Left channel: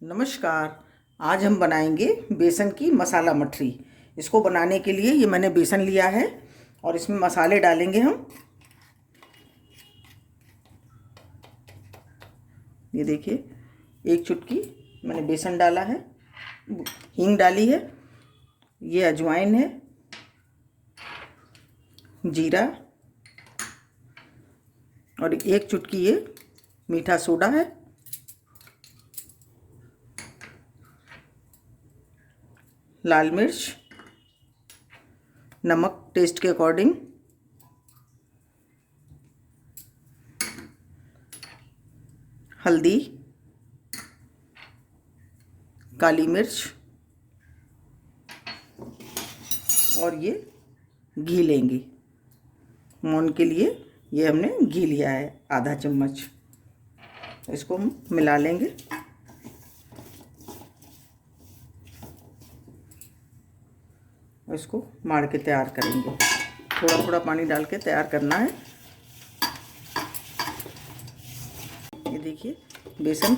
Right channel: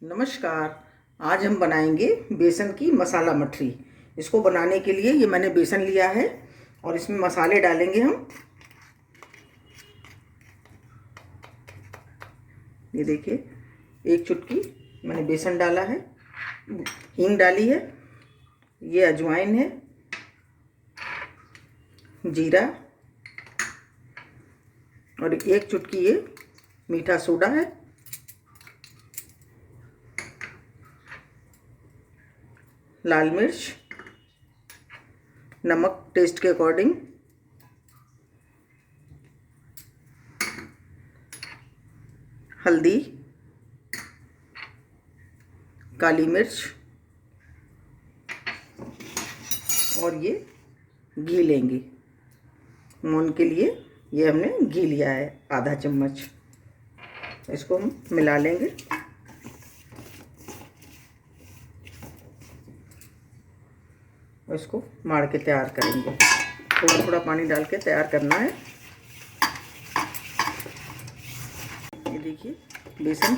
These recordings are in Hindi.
नमस्कार। आज हम बनाएंगे बेसन की मसाला मठरी। इसको बनाने के लिए ये मैंने बेसन लिया है और इसमें मसाले डालेंगे हम। ये देखिए, 1 चुटकी मैंने बेसन डाला है, हींग डाली है, ये अजवाइन है, जीरा और 1 चुटकी ये मीठा सोडा है, लाल मिर्च, नमक टेस्ट के अकॉर्डिंग, हल्दी, काली मिर्च और ये घी लेंगे। मोहन के लिए ये हमने घी लिया है आधा चम्मच। इसको हम मिला लेंगे। इसको मार के तैयार करेंगे। थोड़ा थोड़ा पानी डाल के तैयार करना है। ये देखिए, बेसन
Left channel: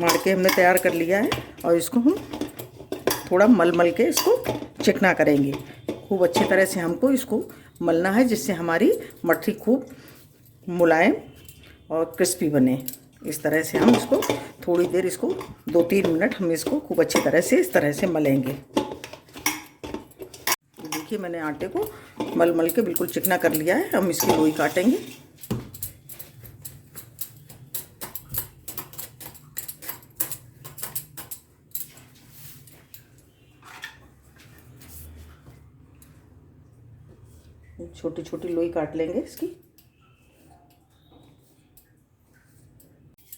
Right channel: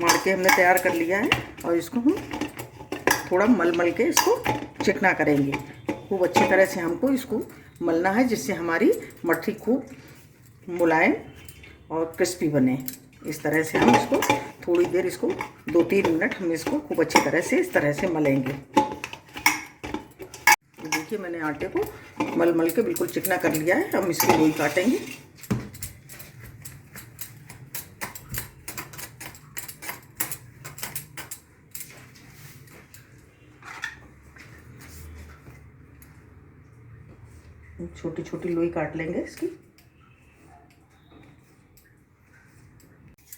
मार के हमने तैयार कर लिया है और इसको हम थोड़ा मल मल के इसको चिकना करेंगे। खूब अच्छी तरह से हमको इसको मलना है, जिससे हमारी मठरी खूब मुलायम और क्रिस्पी बने। इस तरह से हम इसको थोड़ी देर, इसको 2-3 मिनट हम इसको खूब अच्छी तरह से इस तरह से मलेंगे। देखिए, मैंने आटे को मल मल के बिल्कुल चिकना कर लिया है। हम इसकी लोई काटेंगे। छोटी छोटी लोई काट लेंगे इसकी।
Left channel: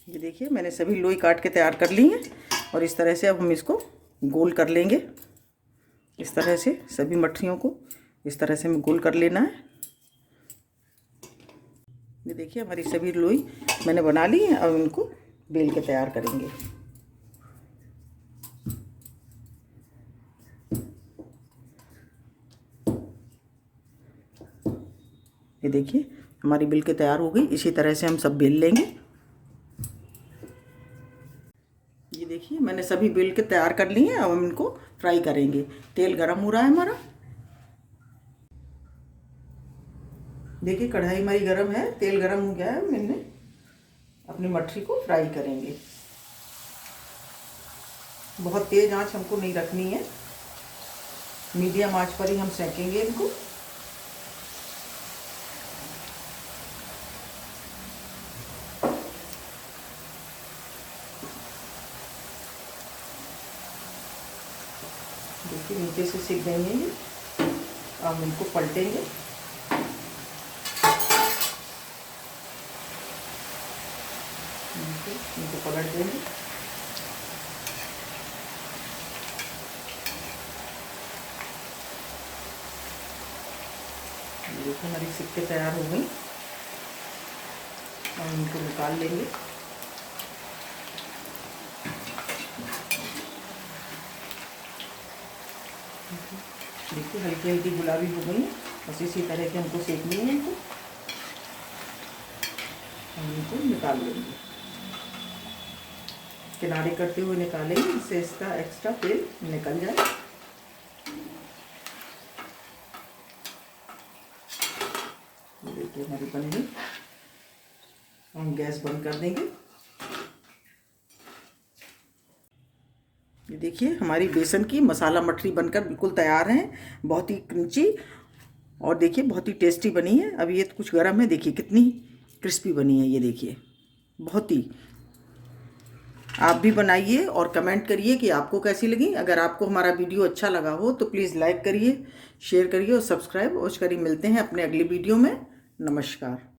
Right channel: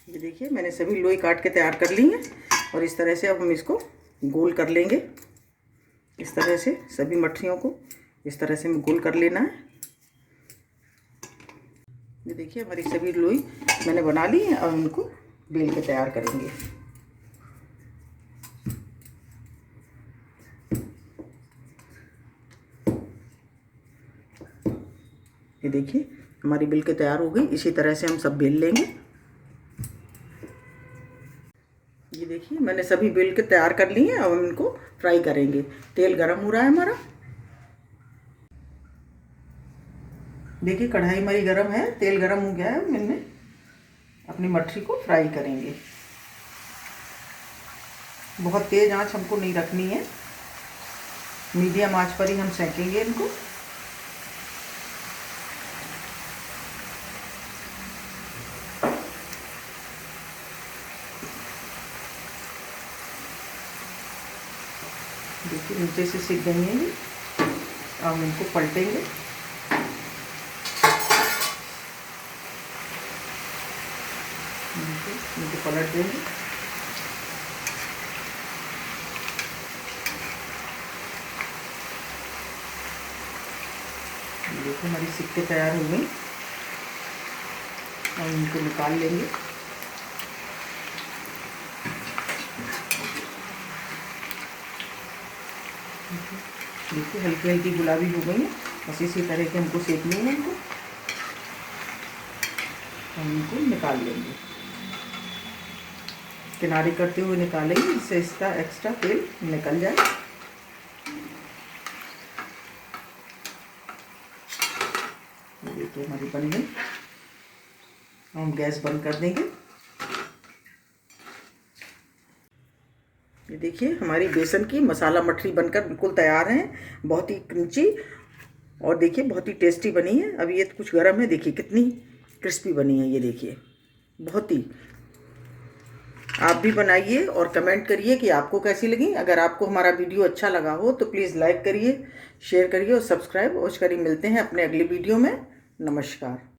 ये देखिए, मैंने सभी लोई काट के तैयार कर ली है और इस तरह से अब हम इसको गोल कर लेंगे। इस तरह से सभी मठरियों को इस तरह से हमें गोल कर लेना है। ये देखिए, हमारी सभी लोई मैंने बना ली है। अब उनको बेल के तैयार करेंगे। ये देखिए, हमारी बेल के तैयार हो गई। इसी तरह से हम सब बेल लेंगे। ये देखिए, मैंने सभी बेल के तैयार कर ली हैं। अब हम इनको फ्राई करेंगे। तेल गरम हो रहा है हमारा। देखिए, कढ़ाई हमारी गरम है, तेल गरम हो गया है। मैंने अपनी मठरी को फ्राई करेंगे। बहुत तेज आंच हमको नहीं रखनी है, मीडियम आंच पर ही हम सेकेंगे इनको। देखिए, नीचे से सिक गई हैं। अब हम इनको पलटेंगे। इनको पलट देंगे। देखो, हमारी सिक के तैयार हो गई। अब इनको निकाल लेंगे। देखिए, हल्की हल्की गुलाबी हो गई है। बस इसी तरह से हमको सेकनी है इनको। हम इनको निकाल लेंगे। किनारे करते हुए निकालेंगे, जिससे इसका एक्स्ट्रा तेल निकल जाए। देखिए, हमारी बन गई। हम गैस बंद कर देंगे। ये देखिए, हमारी बेसन की मसाला मठरी बनकर बिल्कुल तैयार है। बहुत ही क्रंची और देखिए बहुत ही टेस्टी बनी है। अब ये कुछ गर्म है, देखिए कितनी क्रिस्पी बनी है। ये देखिए, बहुत ही। आप भी बनाइए और कमेंट करिए कि आपको कैसी लगी। अगर आपको हमारा वीडियो अच्छा लगा हो तो प्लीज़ लाइक करिए, शेयर करिए और सब्सक्राइब अवश्य करिए। मिलते हैं अपने अगले वीडियो में। नमस्कार।